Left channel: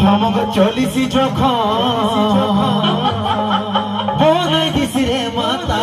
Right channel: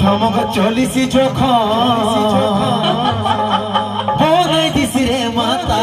ঠমক চলিছি যখন বনে দিছি রে মাতা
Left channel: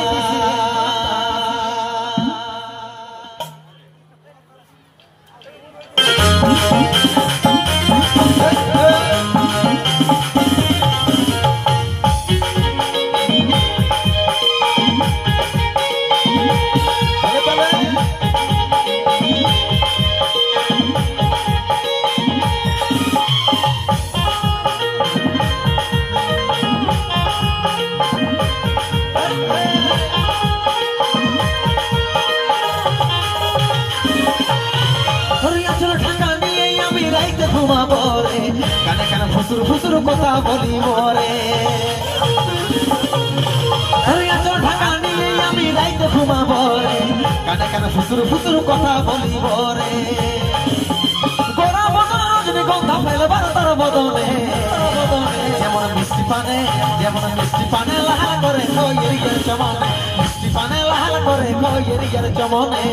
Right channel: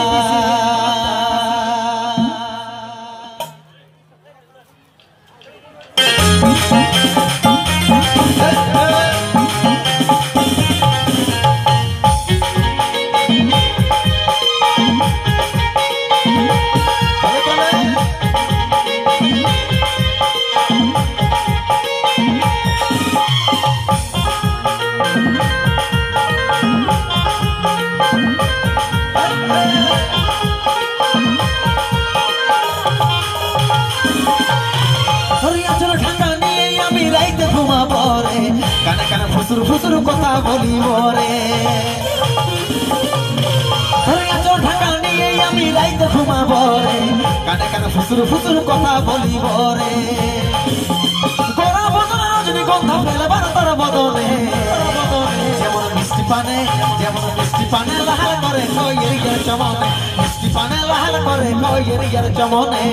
কানে কানে ফুসুর ফুসুর কথা বলি মরে ঢাকা নিয়ে আমি রাইতে ঘুমাবো রে কানে কানে ফুসুর ফুসুর কথা বলি মরে গোরা বদলে রজনীগন্ধা ফেলে তোর বদনে যেমন মিষ্টি পানে লাল করে কইয়ের ইয়ার চমনে মিষ্টি পানে লাল করে কইয়ের ইয়ার চমনে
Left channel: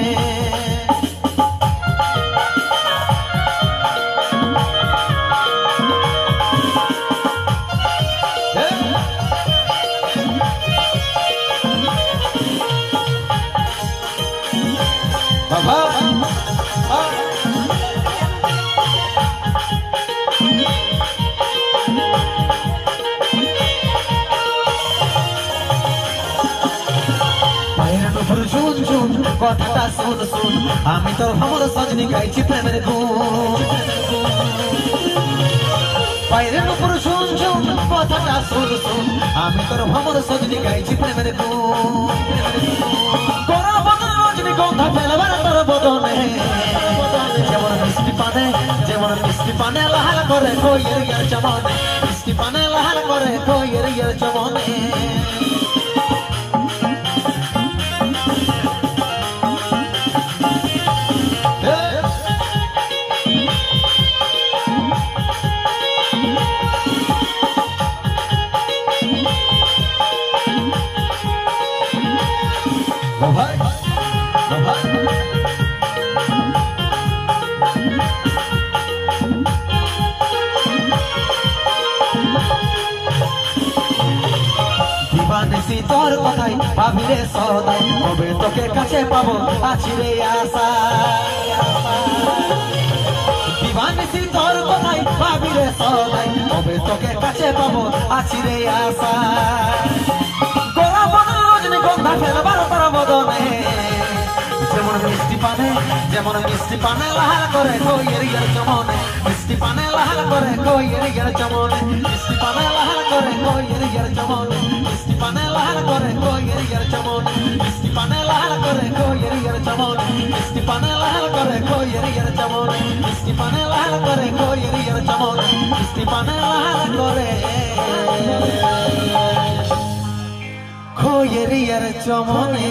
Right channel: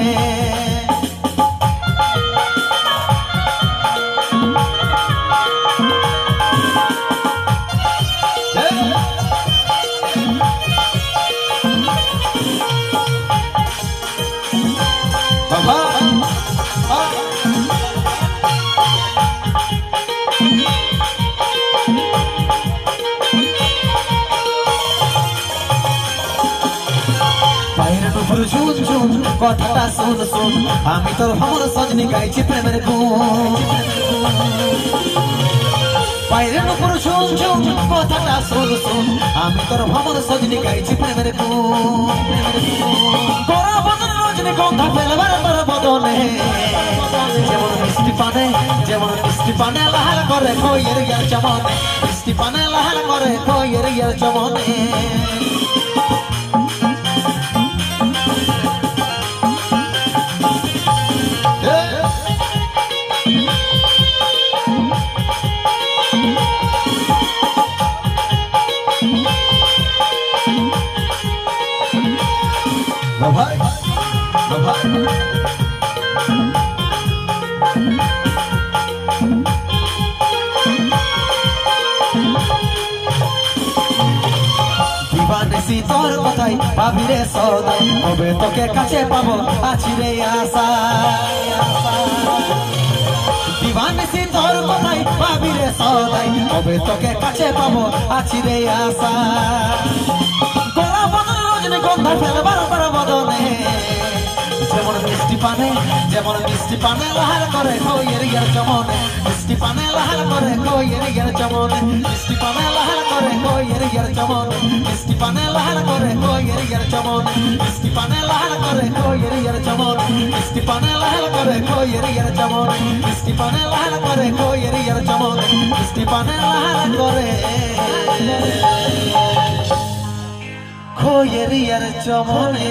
কথাটা শুন শুন আমি তোর খবর সজনি গাইছি প্রেমের গুণ বাইরে নুপুর শুন শুন কথাটা শুন শুন আমি তোর খবর সজনি গাইছি প্রেমের গুণ তোরা বদনে রজনীগন্ধা ফেলবার তোর বদনে যেমন মিষ্টি পানে লাল করে কইয়ের ইয়ার চমনে মিষ্টি পানে লাল করে কইয়ের ইয়ার চমনে দিবানিসি তোর কথাই ভাবি রে সদাই কবে তোকে কাছে পাবো আছি রে আশা দিবানিসি তোর কথাই ভাবি রে সদাই কবে তোকে কাছে পাবো আছি রে আশা তোরা বদনে রজনীগন্ধা ফেলবার তোরা বদনে যেমন মিষ্টি পানে লাল করে কইয়ের ইয়ার চমনে মিষ্টি পানে লাল করে কইয়ের ইয়ার চমনে মিষ্টি পানে লাল করে কইয়ের ইয়ার চমনে মিষ্টি পানে লাল করে কইয়ের ইয়ার চমনে মিষ্টি পানে লাল করে কইয়ের ইয়ার চমনে মিষ্টি পানে লাল করে কইয়ের ইয়ার চমনে মিষ্টি পানে লাল করে কইয়ের ইয়ার চমনে মিষ্টি পানে লাল করে কইয়ের ইয়ার চমনে